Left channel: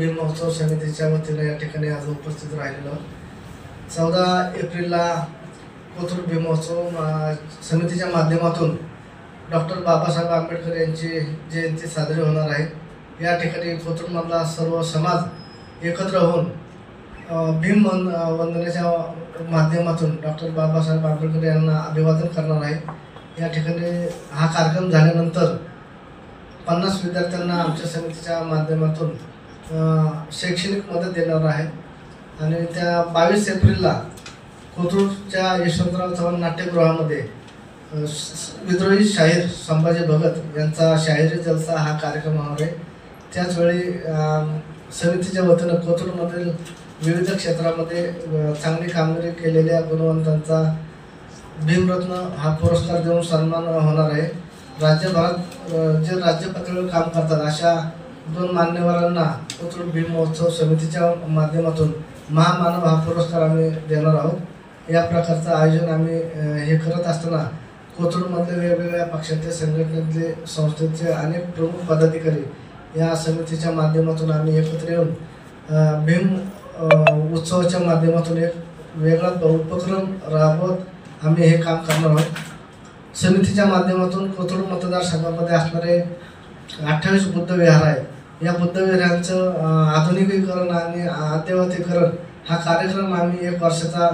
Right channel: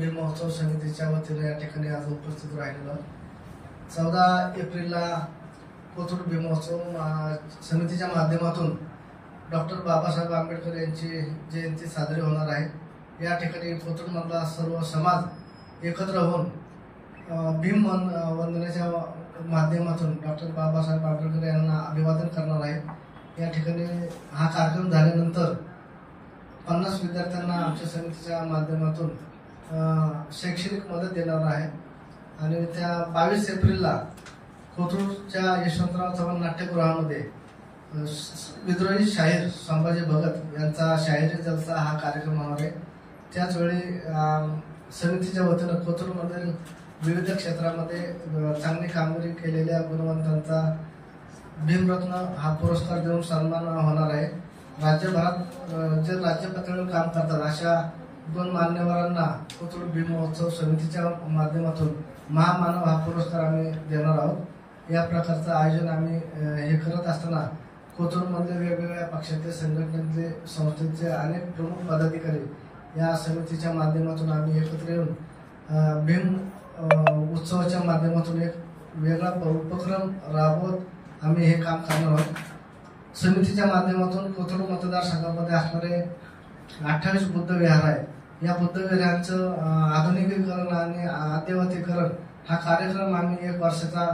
भीम महोत्सव समितीच्या वतीने या ठिकाणी आज उपस्थित राहिलेलो। 14 एप्रिलला कोथरूड भीम महोत्सव समितीच्या माध्यमातून डॉक्टर बाबासाहेब आंबेडकर यांची जयंती साजरी होणार आहे। या ठिकाणी कोथरूडमधला सर्व समाज एकत्र होऊन भीम वंदनेच्या माध्यमातून डॉक्टर बाबासाहेब आंबेडकर यांना अभिवादन करणार आहे। या ठिकाणी हा कार्यक्रम झाल्यानंतर 50 विद्यार्थ्यांना आमच्या समितीच्या माध्यमातून शैक्षणिक मदत देणार आहे आणि त्या 22 एप्रिलला कोथरूडच्या यशवंतराव चव्हाण नाट्यगृहामध्ये विद्रोही शाहीर संभाजी भगत यांचा शाहिरी जलसा हा कार्यक्रम होणार आहे। त्याचवेळी समितीच्या वतीनं कोथरूडमधील विविध क्षेत्रामध्ये चांगली कामगिरी केलेल्या गुणवंतांचा भीमरत्न हा पुरस्कार देऊन सन्मान होणार आहे। राज्यभरात जे राज्य पातळीवर काम करतात अशा 2 मान्यवरांना कोथरूड भीम महोत्सव समितीच्या माध्यमातून महामानव हा पुरस्कार आम्ही देणार आहोत। या प्रकारचं आयोजन आम्ही हे करत असताना कोथरूडमधले वेगवेगळ्या पक्षाचे संघटनेतले संस्थेचे अनेक प्रमुख पदाधिकारी या समितीच्या माध्यमातून आम्ही एकत्र येऊन भीम उत्सवाच्या माध्यमातून एक वेगळा उपक्रम राबवत आम्ही हे काम करणार आहोत। समितीच्या माध्यमातून कोथरूड मतदारसंघामध्ये असणारे 28 बुद्ध विहार आहेत। या बुद्ध विहारांचं आधुनिकीकरण आणि अद्ययावतीकरण हा कार्यक्रम आम्ही 1 वर्षाचा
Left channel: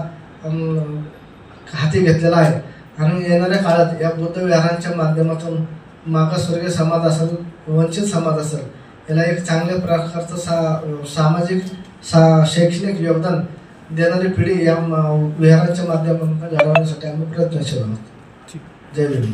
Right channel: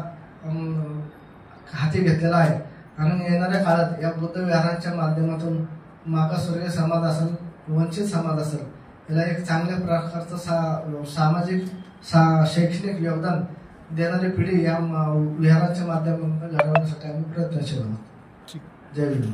हाती घेतलेला आहे आणि येणाऱ्या काळात या बुद्ध विहारांच्या माध्यमातून मागासवर्गीय समाज असेल, वंचित समाज असेल, याला एक चांगल्या प्रकारचं सामाजिक शैक्षणिक योगदान देणारी पिढी या विहारांच्या माध्यमातून घडवण्यासाठी आम्ही प्रयत्नशील आहोत। जय भीम।